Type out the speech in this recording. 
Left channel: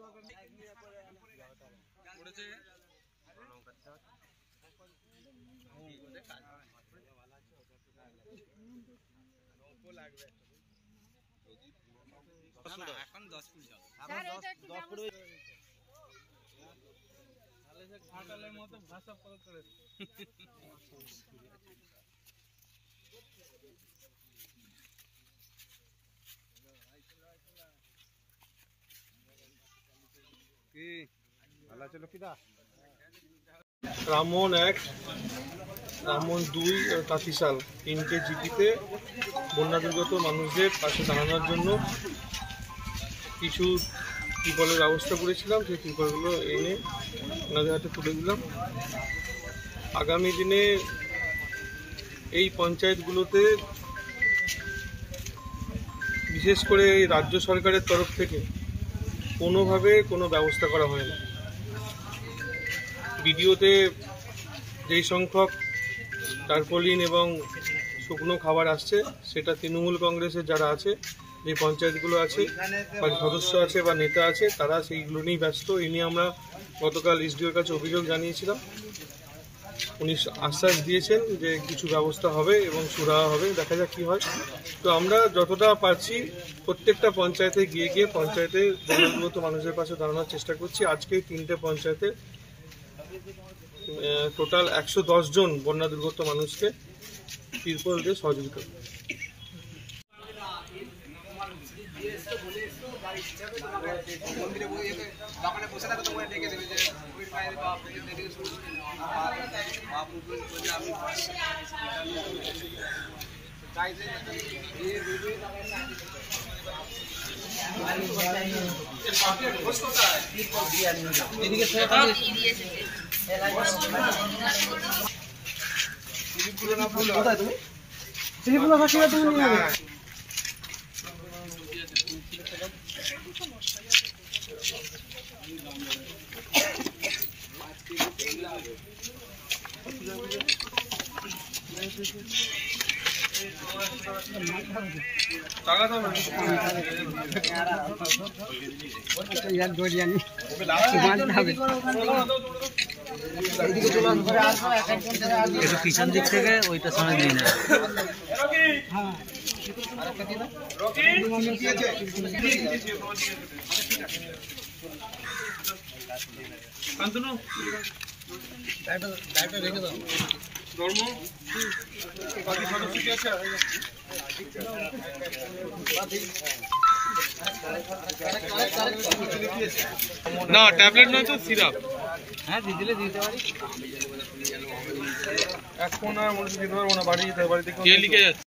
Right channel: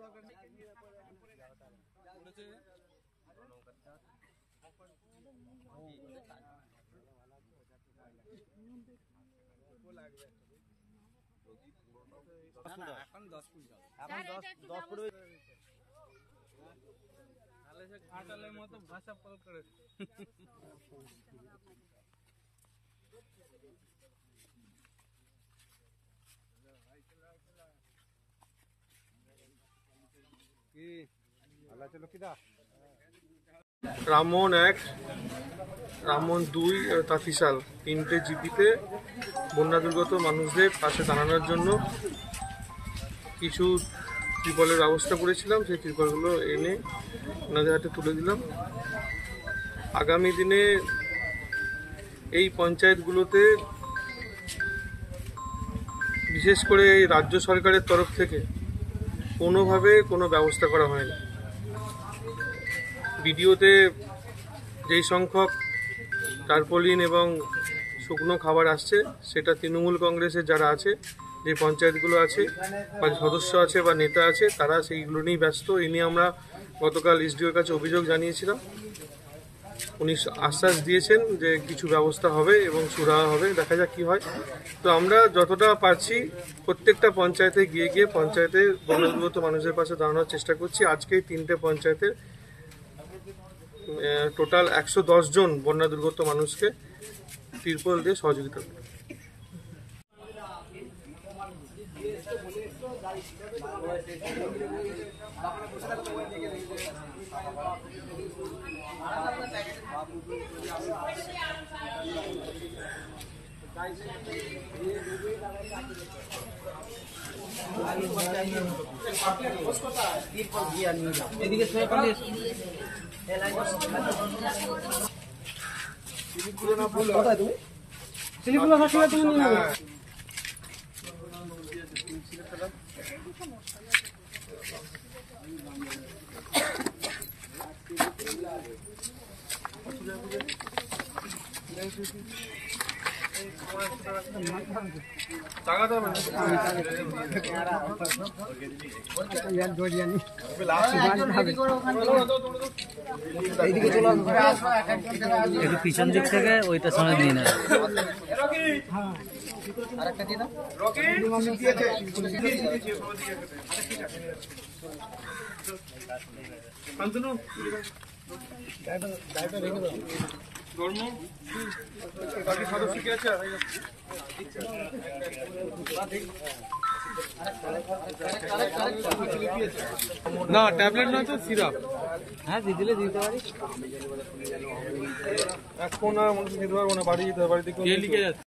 এখন 10 ফুট যাবে, এখন 10 ফুট তাহলে সে ঘাটালের মতো ভাষা প্রয়োগ করে। কি ভালো আছে লক্ষ্মীদা? রামমোহন 1, রামমোহন 2 আর তাঁতিশাল 3টে জিপিতে বন্যা দুর্গত মানুষদের পাশে দাঁড়ানোর জন্য কিছু ত্রিপলের ব্যবস্থা করেছিলাম। সেই ত্রিপলগুলো এনে ওনাদের হাতে তুলে দিলাম। আগামী দিনে এই পঞ্চায়েতগুলোতে বিশেষ করে রাজ্য সরকারের তরফ থেকে কোনোভাবে কোনো ব্যবস্থা করা হয়নি। ভিডিওতে যেই সংখ্যক টারপলিন এবং শুকনো খাবার আসছে সেটা তৃণমূল কংগ্রেসের যারা আছে, যে পঞ্চায়েতগুলো আছে বা সদস্য আছে বা নেতা আছে, তারা সেইগুলো নিয়েই ব্যস্ত। এই নিয়ে আমরা গতকাল এসডিওর কাছে অভিযোগ জানিয়েছিলাম। উনি আশ্বাস দিয়েছেন যে কিছু ব্যবস্থা হবে এবং সুরাহা হবে, দেখা যাক কী হয়। তো আমরা যতটা পারছি প্রত্যেকটা পঞ্চায়েতে গিয়ে গিয়ে পঞ্চায়েতের বন্যাদুর্গত মানুষের পাশে দাঁড়ানোর চেষ্টা করছি। আজকে 3টে পঞ্চায়েতের টোটাল 110 জন বন্যা দুর্গত মানুষকে তিরপল দিয়ে সহযোগিতা করে। পিছন দিক থেকে ওইটা সময় দিয়ে নেয়। না ট্যাবলেট নয় তো সিরাপ। হ্যাঁ দিলে দিতে পারি। এখন আর মনে দিতে পারবো না, বাড়ি যেতে হবে। বাড়িতে কে লিখে যাচ্ছে?